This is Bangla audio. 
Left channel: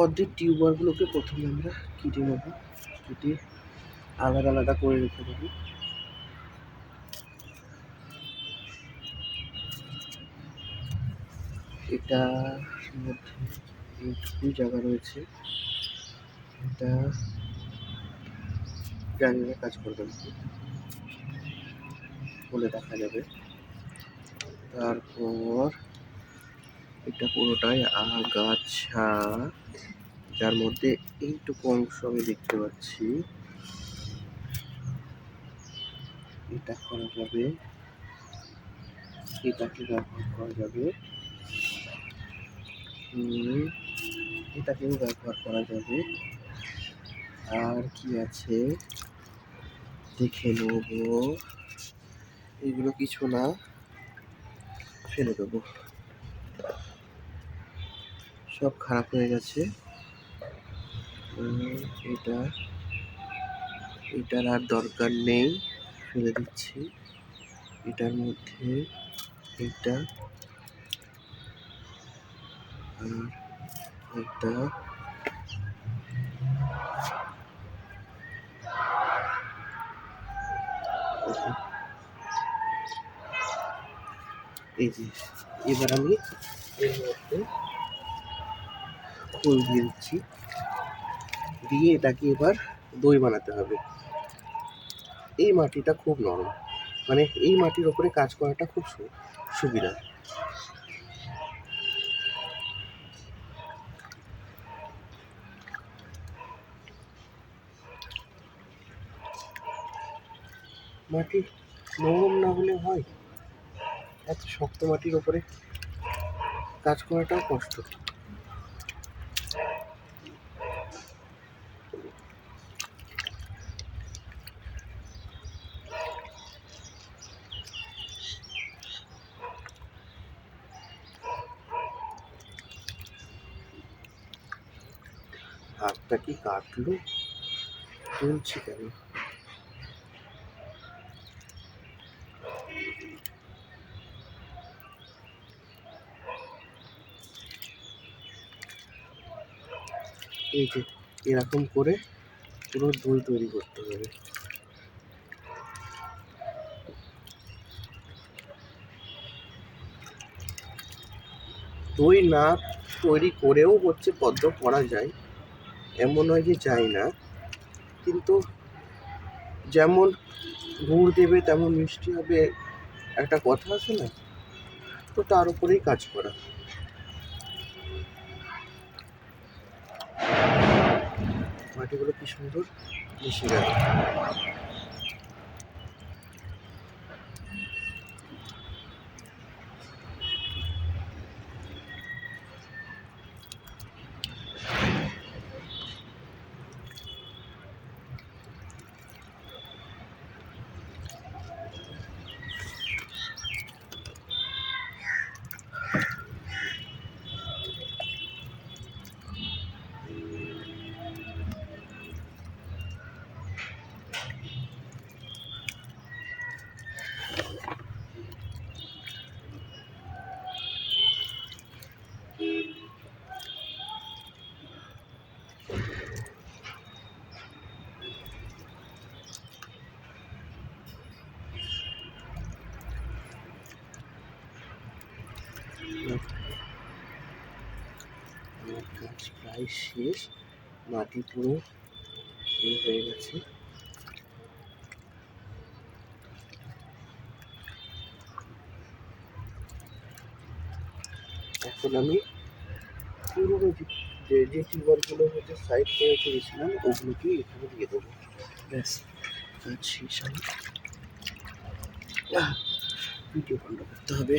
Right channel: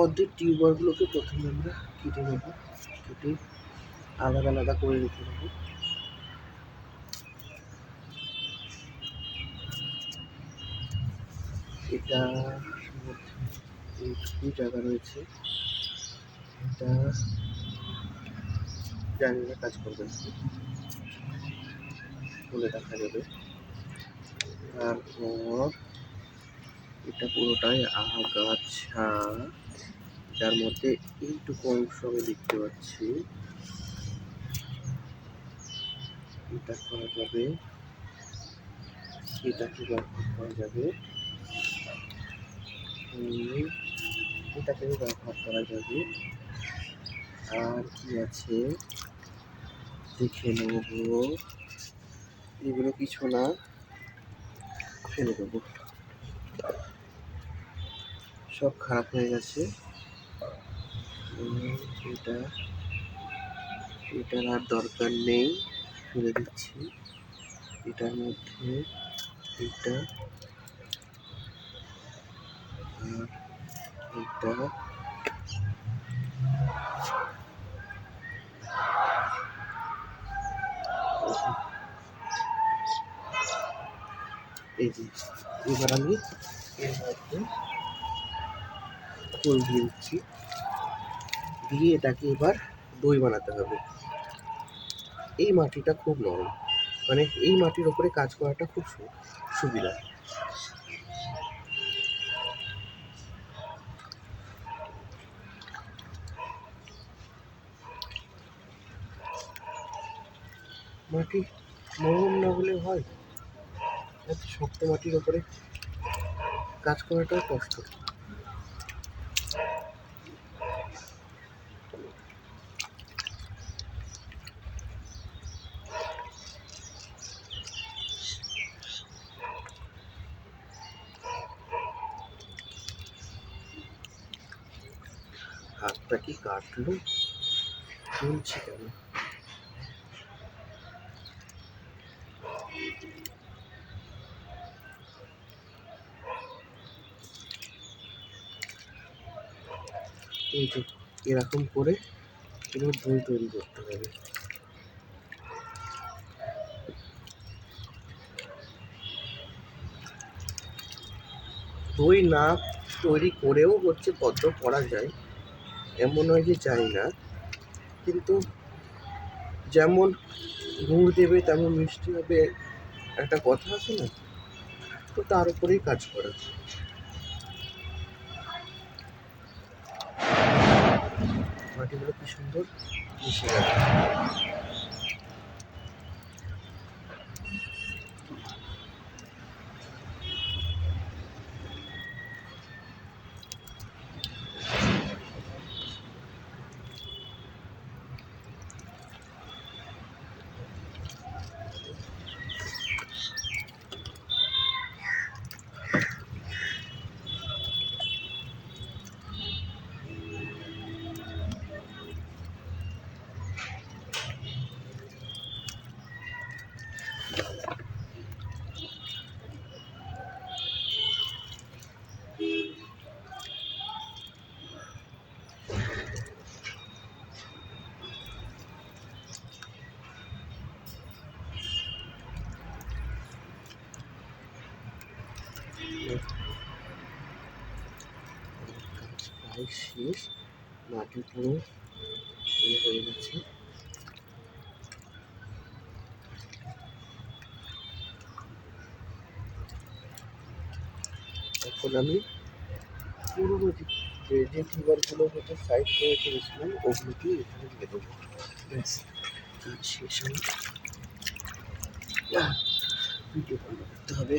অর্ধেক টিউবারগুলোকে প্রথমে আমরা কেটে নেব, কেটে আলাদা আলাদা করে রেখে দেবো। এটার মধ্যে এইটুকু জায়গা রয়েছে, এটা জানি না কাজ করবে বলে দেখা যাবে। তারপর এটা পুরোটাই আগাছা, যার মধ্যে এইটুকু অংশ আমি দেখতে পাচ্ছি। এটা করা যাবে, এটাকে ব্যবহার করা যাবে, এটাকেও ব্যবহার করা যাবে। আর কি আছে দেখে নেব। এগুলো কিছু না, ফেলে দেবো, সব খারাপ হয়ে গেছে। এটার আর দরকার নেই, ফেলে দিচ্ছি। এটার মধ্যে এটা আর এটা এই যে, এবার আমি এর মধ্যে খোল দিয়ে দিচ্ছি, দিয়ে এটাকে এবার দই বানাতে হবে। এই মাটিটা খুব নরম, মানে এই মাটির ওপরে কাজ করাটা খুব সুবিধা। মাটি নরম না হলে হয়, এত শক্ত মাটির ওপরে কাজ করাটাও কষ্ট। হাতটা কি কাটলো, চলছে কেন? এই যে এরকম করে পুরো দই তৈরি করতে হবে। দই না তৈরি করেও হচ্ছে পদ্ম করা যায়, এমন নয় যে যায় না, কিন্তু যেমন গুড় দেবে তেমন মিষ্টি হবে, একটা কথা আছে না, তো তার উপরেই কাজ করা। মাটিগুলো কি সুন্দর মিশে গেল। কাজ প্রায় শেষ, মাটি পুরো হয়ে গেছে। এখন আমি পুরোনো যে টিউবারগুলো হচ্ছে সাইড করে রেখেছিলাম ওগুলোকে এখানে দিয়ে দেবো। ব্যাস কাজ শেষ। আমি ভিডিও বন্ধ করতে হবে।